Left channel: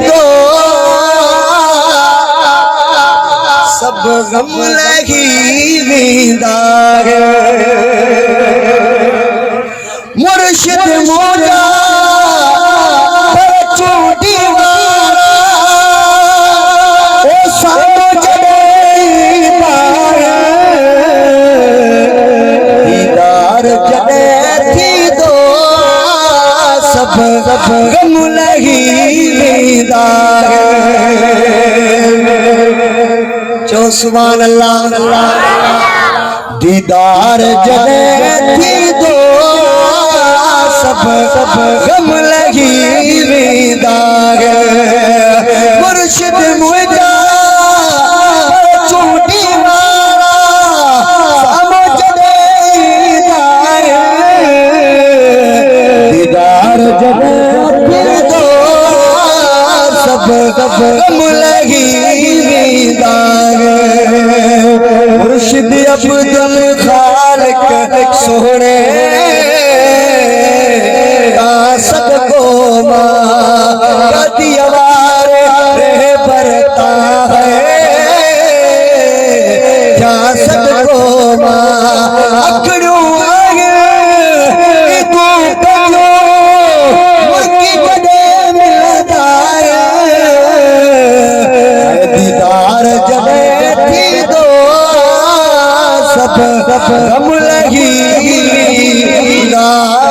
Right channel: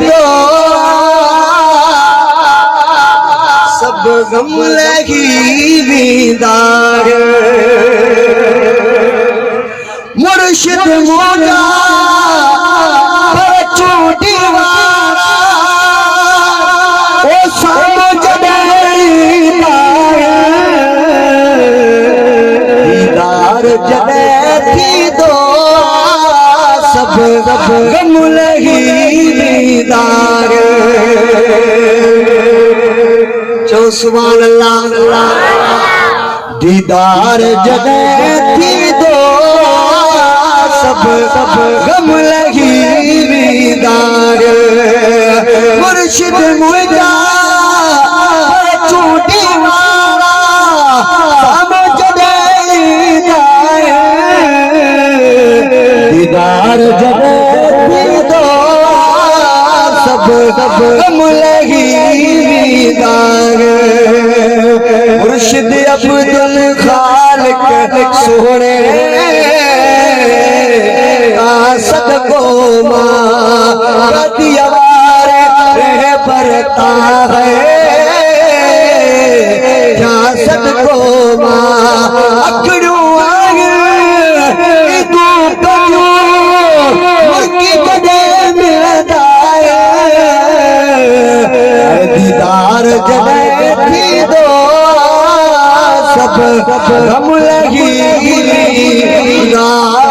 दो सब गम लगी दीदार मुर्शिद मोरा जने थी दो सब गम लगी दीदार चो सुभान अल्लाह दीदार जने थी दो सब गम लगी दीदार मुर्शिद मुर्जा चूटी मारा दीदार जब दो सब गम लगी दीदार मुर्शिद अब्दुल खालिक सोने का सदको मार रह बरता है क्या सदको माकड़ू जने थी दो सब गम लगी दीदार